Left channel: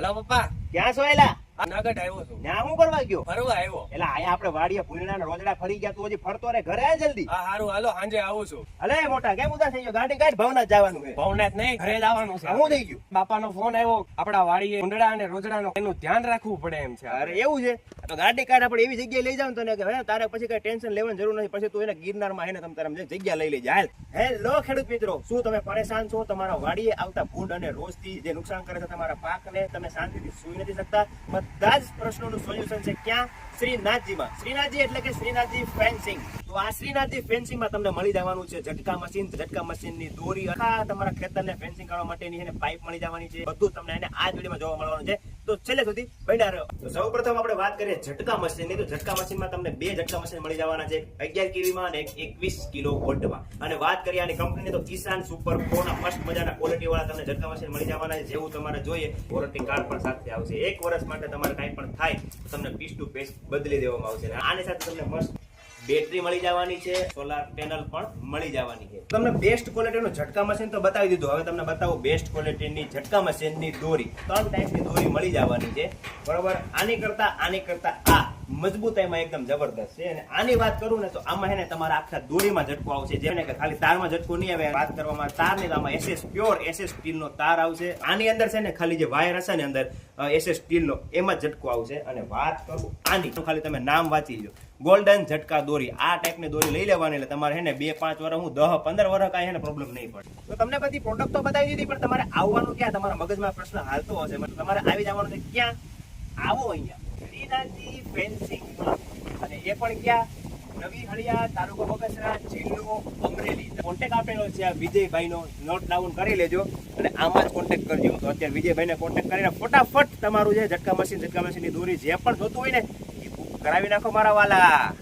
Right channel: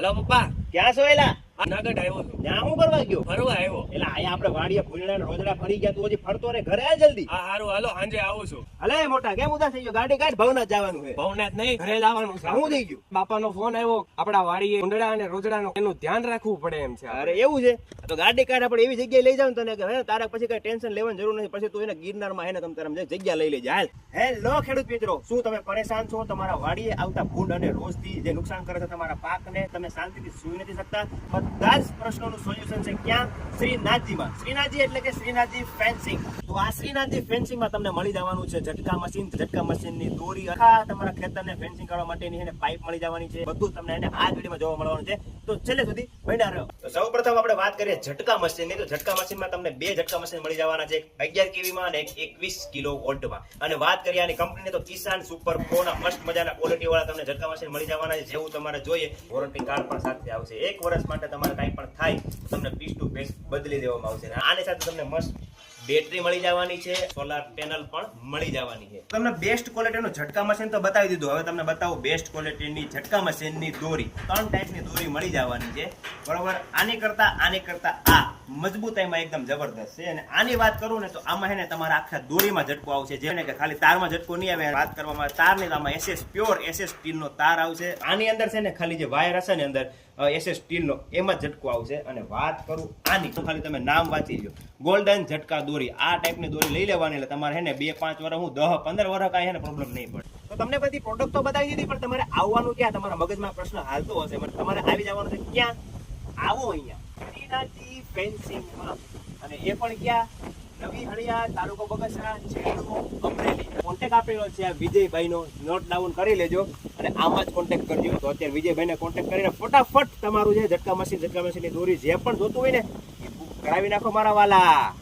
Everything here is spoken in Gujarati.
હાલો પપ્પા ક્યાં છો એલા આ આવ્યો છું. ત્યાં હું કરવા ગયો? ફરવા આવ્યો. એલા અહીંયા આપણે વાડીએ ફૂલના રોજડા ફરી ગયા તું હજી ફરતો રે ઘરે આ જલ્દી? હા હારું હાલો સાંજે આવું છું. અલે મોટા કેમ ઉદાસ થઈ ગયો? ગાડી કાઢ ભવનાથ જવાનું છે. ભવનાથ નહીં ઘરે લાવવાનું છે. શું થઈ ગયું. બાપાનો ફોન આવ્યો આપણા વાડીએ ઉંદડા અને રોજડાનો એનું ધ્યાન રાખવું પડે એમ છે અરે એવું છે? તો ગાડી કાઢ આપણે એવી જગ્યાએ લઈ જાવ તને કે તારે પછી કઈ ટેન્શન લેવાની જરૂર નથી. પછી તું એને ગિરનારમાં માં ને તમે તારે જગ્યા લઈ લેજે. હાલ. હેલો ખેડૂત મિત્રો. શું તમે પરેશાન છો? તમારા વાડીએ આવતા ફૂડ અને રોજથી જે નુકસાન કરે છે તમારા પાકને તમે શાંતિથી સુઈ નથી શકતા. બધા જ પ્રશ્નોનું સોલ્યુશન છે ક્યાં? શ્રીનાથજીમાં. શ્રીનાથજી એટલે કે શ્રીનાથજી ફેન્સિંગ. તો આ ફેન્સિંગમાં તમને મળી જવાનું છે, ઝટકા મશીન, ઝટકા મશીનની દોરી, આખા તમારા ખેતરને ફેન્સિંગ કરવા માટેની એને પાઇપ મળી જવાની છે, બધું તમને એને આ વિડીયોમાં જોવા મળવાનું છે. તો છેલ્લે સુધી બન્યા રહ્યો તો સૌપ્રથમ આપણે વાત કરીએ ઝટકા મશીનની. તો ઝટકા મશીનમાં તમને બે ઝટકા મશીન મળી જવાના છે અગિયાર કેવીમાં અને એકવીસ કિલો વોલ્ટમાં. અને વાત કરીએ આની કંપનીની, તો કિસાન સુપર પ્રોના મસ્ત મજાના ક્વોલિટી વાળા તમને ઝટકા મશીન મળી જવાના છે, જેવું તમારે જોઈએ. વોરંટી કાર્ડ પણ સાથે આવશે. એક વર્ષ માટે તમારે કાંઈ પણ થાય તમને પીસ ટુ પીસ બદલી દેવામાં આવશે. આની સાથે તમને મસ્ત બેટરી મળી જવાની છે સોલાર પેનલ પણ મળી જવાની છે. તમને બેસ્ટ ક્વોલિટીનું ઝટકા મશીન તો બતાવી દીધું. હવે તમને બતાવું બેસ્ટ ક્વોલિટીની ઝટકા મશીનની દોરી. ત્રણ ટાઈપની દોરી મળી જવાની છે. બરોબર? આની કરતા આની કરતા આ મજબૂતાઈમાં એકદમ જબરદસ્ત છે. અને આની વાત કરું ને તો આમાં હેને તમારા આખા દોરીમાં ઝટકો આવશે. જેને કે ખાલી તારમાં ઝટકો નહીં આવે વાત કરવામાં તાર તારની આમાં એસએસ પ્યોર એસએસ સ્ટીલનો તાર આવશે. આની અંદર છે ને ખાલી જે વાયર હશે ને અંદર એસએસ સ્ટીલનો એમાં ઝટકો આવશે. અને વાત કરું આની, તો ખાલી તમે નામ વાંચી લો ગોલ્ડન ઝટકા દોરી. આ ટાઈપની દોરી લઈ લેવાની, એટલે તમારે હેને બે, પાંચ વર્ષ હું દહ, પંદર વર્ષ કાંઈ હેને પ્રોબ્લેમ નહીં પડે. તો તમને બધી પ્રોડક્ટ તો બતાવી દીધી, પણ તમારે આવવાનું ક્યાં? તમારા મગજમાં પ્રશ્ન હાલતો હશે. તમારે આવી જવાનું છે ક્યાં? આવો અહીંયા. શ્રીનાથજી ફેન્સિંગમાં અને એ પણ ક્યાં? નવી હળિયા, તાલુકો બગસરા, જિલ્લો અમરેલી. કોન્ટેક આપેલો છે આ વિજયભાઈનો. નોટ ડાઉન કરી લેજો અને આમાં જ કોન્ટેક્ટ કરજો. તો અત્યારે વિજયભાઈને કોન્ટેક કરીને ફટાફટ તમારું જે ઝટકા મશીન ઝટકા મશીનની દોરી જે પણ જોતું હોય ને, એ બુક કરાવી નાખો મારા વાલા.